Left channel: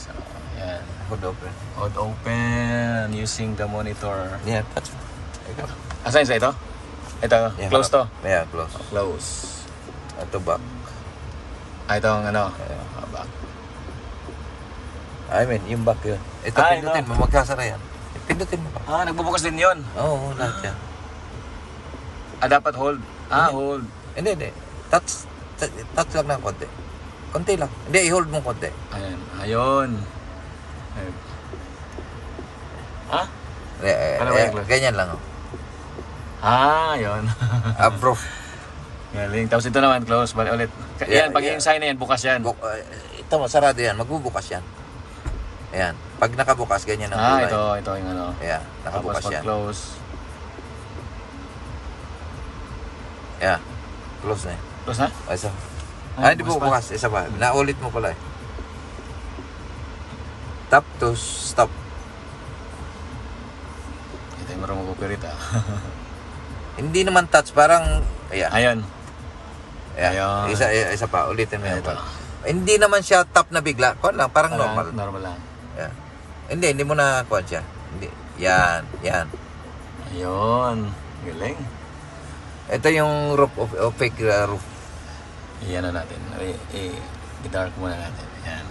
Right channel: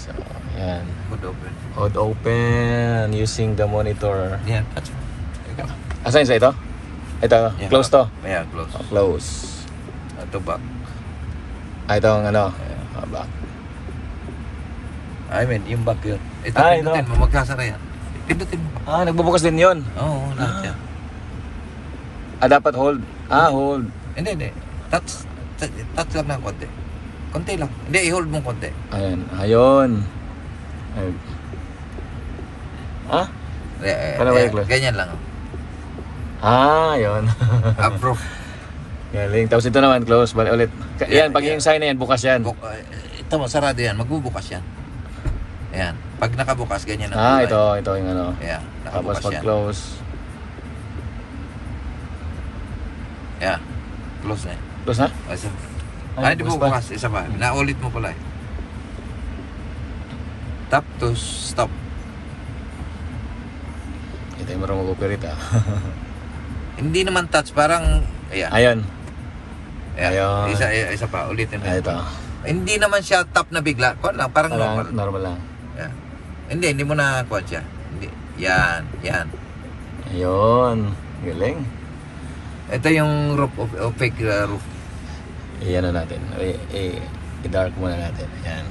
So, yan. Hold open. Hold open using the monitor. Yeah, touch. Asan sa ito? Ito, Yeah, close to? Yeah, close. Oh, close. Ito back. Ito ang ano? Back. I mean, yung back yun. Ito, pindutin mo, magkasara yan. Pindutin mo. Nagbubukas din yun? Oo, lahat yan. Dapat hold? Hold. Hindi. Touch lang ng konti. Konti lang. Hindi, i-hold mo konti. Ayan, ayun. Paano ba i-close? Ganyan lang. Yun. Approve. Galing. Tapos ito naman, close. Balik ulit. Yan, pag yung sign na yan, bukas yan. Ito, sarado yan. Magbubukas yan. Ayan. Pag nakabukas, ganyan ang ito yung ano. Ayan, Tapos nakabukas pag yan. close. Ayan. Close na. Close na? Isa. Hindi bukas bukas. Isa pa. Naulit mo pala. Tap to stop. Ito yung marunong mag-operate Hindi naman touch. Parang, ayan. Ayun. Ayan. Isa pa. Ulitin mo. Ito. Hindi naman siya tap na bigla. Parang normal. Normal lang. Ayan. Hindi mo na kuha siya. Hindi. Yan. Ayun. Galing. Ito yung roof, opaque roof. Iyan na natin. I-dark muna natin. Ayan.